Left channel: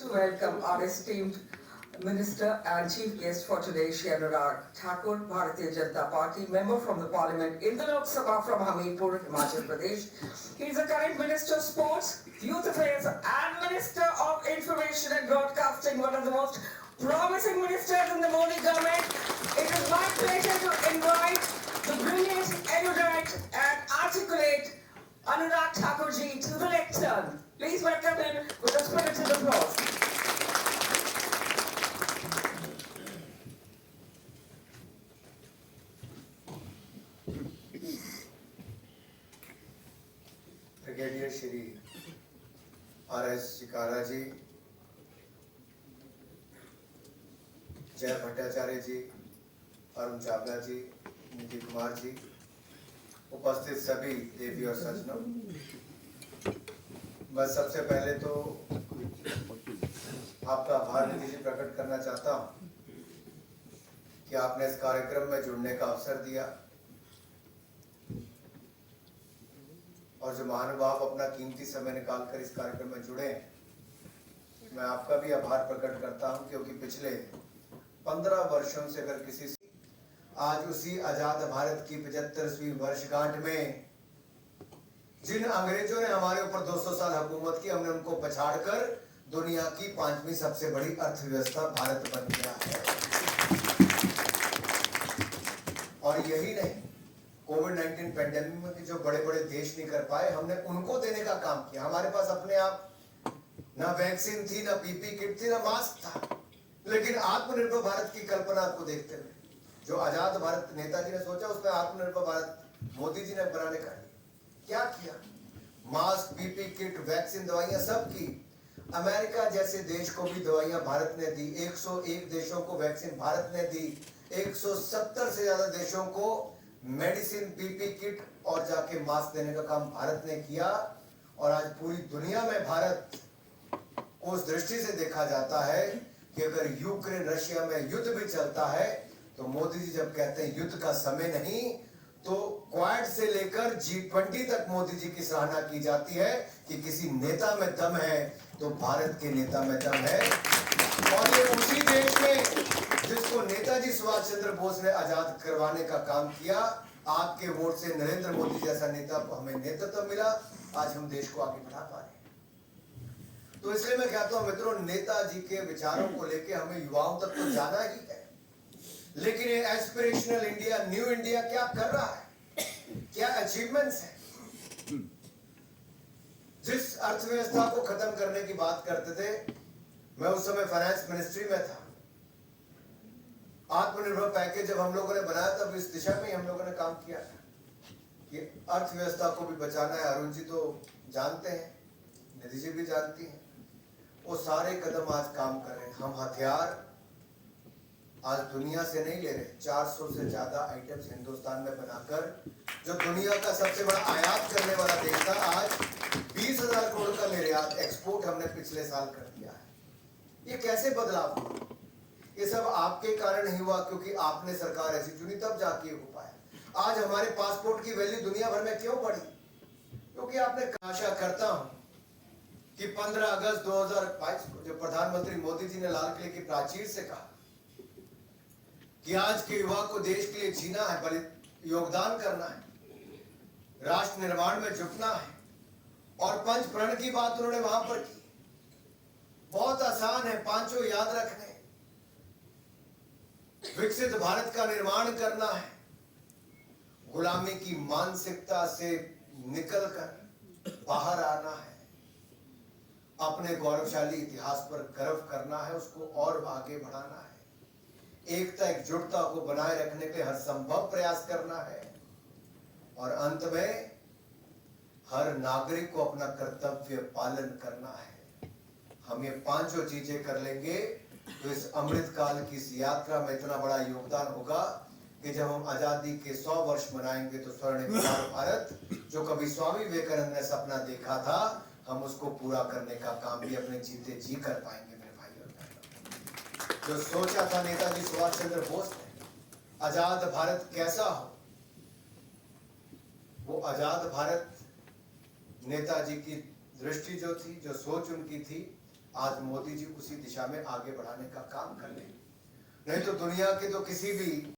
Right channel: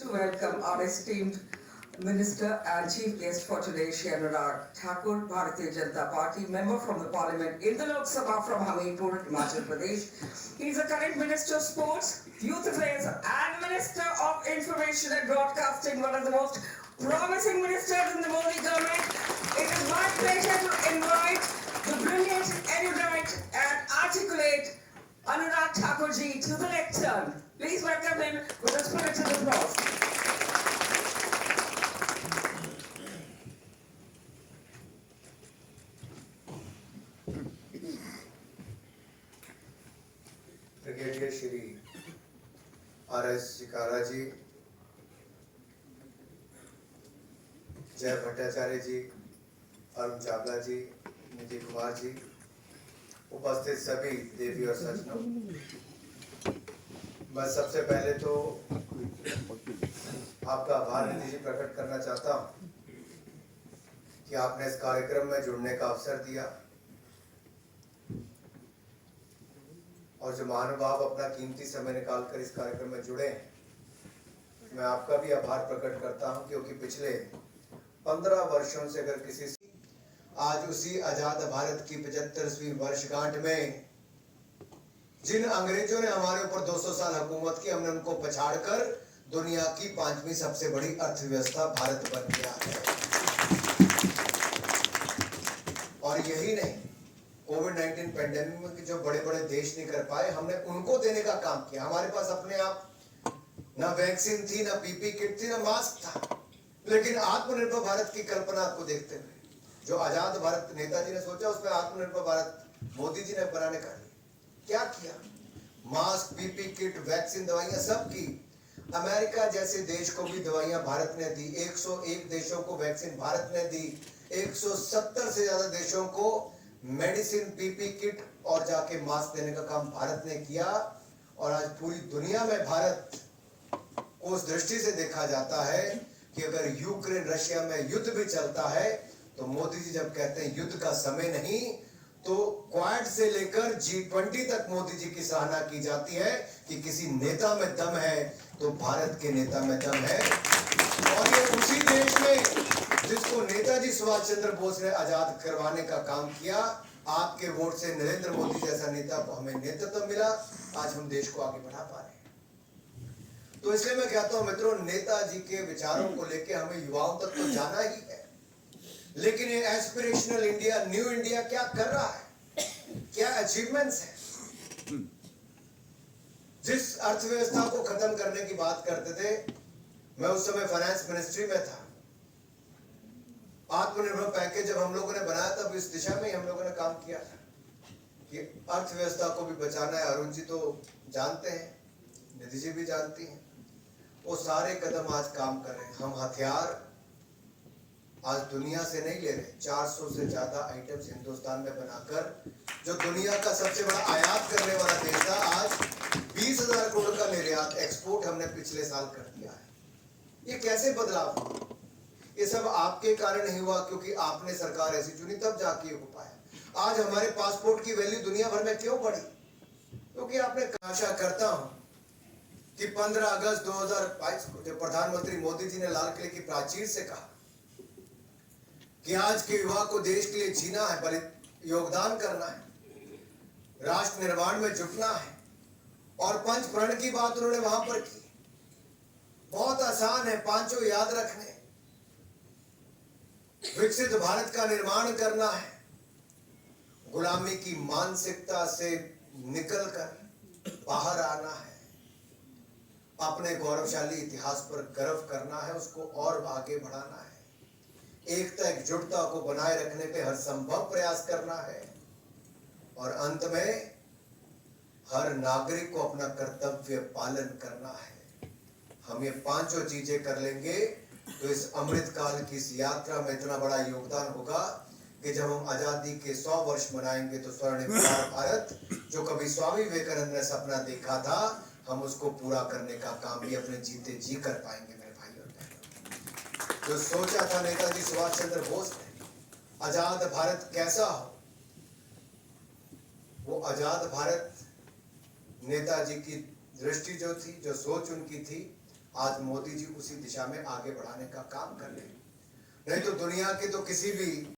To welcome our esteemed Minister and Chief Guest for today, Shri Anurag Thakur, Bharatiya Janata Party, Member from the Parliament in the Lok Sabha from Hamirpur, Himachal Pradesh. He is the current Minister of Sports, Youth Affairs and Minister of Information and Broadcasting, one of the most promising ministers in the Modi government. It is my pleasure to invite the brilliant, erudite and articulate Anurag Thakur ji to the lectern. Please welcome him with a spirited applause. Brigadier Shri R S. Chikara ji, Jay Bhattacharya जी, अरुण चावला जी, निधि कुमार जी, उपस्थित सभी देवी और सज्जनों, मैं सबसे पहले तो आपका आभार निधि जी प्रकट करना चाहता हूं कि आपने इस कार्यक्रम में जुड़ने का अवसर दिया और जो महानुभाव अपना कीमती समय निकालकर इस कार्यक्रम में जुड़े हैं, मैं आपका भी आभार प्रकट करता हूं, क्योंकि पिछले 15 वर्षों से अगर किसी आज उसी आजाद भारत की 75वीं वर्षगांठ में जिन अंग्रेजों ने हमारे ऊपर 200 साल हुकूमत की, हमने उनको पछाड़कर दुनिया की 5वीं सबसे बड़ी अर्थव्यवस्था भारत बन गया है। और यही नहीं, कोविड-19 पेंडेमिक में जो बड़े बड़े देश नहीं कर पाए, हमने उनको देने का काम किया। हमारे पास अपने आप ना वैक्सीन थी, ना पीपी किट थी, ना मास्क था, लेकिन आत्मनिर्भर भारत की कल्पना को देखते हुए जो आजाद भारत नेताजी ने सोचा, उसमें आत्मनिर्भर भारत मोदी जी ने बनाने का क्या किया। मास्क, पीपी किट, वैक्सीन, दवाइयां सब की। अमेरिका जैसे देश को भी दवाइयां भारत ने दी, 101 देशों को वैक्सीन भारत ने दी, 170 से ज्यादा देशों को मेडिसिन, पीपी किट और जाके मास्क देने का काम भारत ने किया। और आज पूरी दुनिया में भारत को उस दृष्टि से देखा जाता है कि अगर यूक्रेन रशिया में युद्ध भी चलता है तो मोदी जी जब कहते हैं युद्ध का समय नहीं, तो क्वाड से लेकर G20 तक मोदी जी की सराहना की जाती है कि किसी नेता में दम है तो भारत के नेता में दम है। और ये उसी देश में जिसको नेताजी सुभाष चंद्र बोस ने आजाद करवाने का काम किया, आपके वोट से नरेंद्र मोदी जैसा नेता को हमें नेतृत्व मिला, आज हम देश को आगे बढ़ा पा रहे हैं। तो इसलिए मैं कहता हूं मित्रों, नेताजी के विचारों को लेकर हमें युवाओं तक तो जाना ही है, लेकिन ये एस्पिरेशनल इंडिया, न्यू इंडिया क्या कर रहा है, क्या अचीवमेंट्स है। जिस अर्थव्यवस्था को खत्म करने की बात करते थे, मैं उस समय फाइनेंस मिनिस्ट्री में था। आत्मनिर्भर पैकेज जब हम लोगों ने बनाया, तब इस दिशा में हम लोगों ने काम किया था कि अर्थव्यवस्था को भी बचाना है। अरुण जी तो जानते हैं, निधि जी भी जानती हैं, वो सारे कदम आज काम कर रहे हैं। हम हथियार आज दुनिया से नहीं ले रहे, 400 से ज्यादा आइटम्स हिंदुस्तान में बनाकर, जो दुनिया का सबसे बड़ा आयात करने वाला देश था, आज 20,000 करोड़ का निर्यात, एक्सपोर्ट हमने पिछले साल कर दिया है। ये कैसे बदलाव हुआ? ये सब आपके कारण ही हुआ, क्योंकि आपने सरकार ऐसी चुनी, तब जाके हो पाया। आज हमारे पासपोर्ट की वैल्यू दुनिया भर में क्यों बढ़ी? क्योंकि आपने आशा करता हूं कि 15 अगस्त 2022 को जब प्रधानमंत्री मोदी जी ने लाल किले की प्राचीर से कहा कि आज के युवा को देश के लिए जीना है, बड़े योगदान करना है, राष्ट्र निर्माण में जुटना है, और पंच प्रण की बात उन्होंने वहां पर की। बहुत आसान है, पांचों याद रखने। विकसित भारत का निर्माण करना है, गुलामी की मानसिकता से निकलकर बाहर आना है, अपने गौरवशाली इतिहास पर गर्व करना है, उसको और आगे बढ़ाना है, एकता एकजुटता को बनाए रखने के हर संभव प्रयास करना है, और अंत में हर नागरिक को अपना कर्तव्य पालन करना है। हम ये पांचों चीजें कर लेंगे तो इस अमृत काल की इस यात्रा में इतना बड़ा योगदान होगा कि जब हम आजादी के 100 वर्ष मनाएंगे तो स्वर्णिम भारत, जो कभी स्वामी विवेकानंद ने सपना देखा था, हम उसको पूरा करने का काम भी अपने जीते जी कर पाएंगे। मेरे भाई और बहनों, जो सोचा था नेताजी सुभाष चंद्र बोस ने आजाद भारत कैसा हो, वो आजाद भारत नेताजी की दृष्टि जो थी, जो सोच उनकी थी, आज मोदी जी उसी दिशा में आगे बढ़ाने का काम कर रहे हैं। नहीं तो दुनिया के तो किसी भी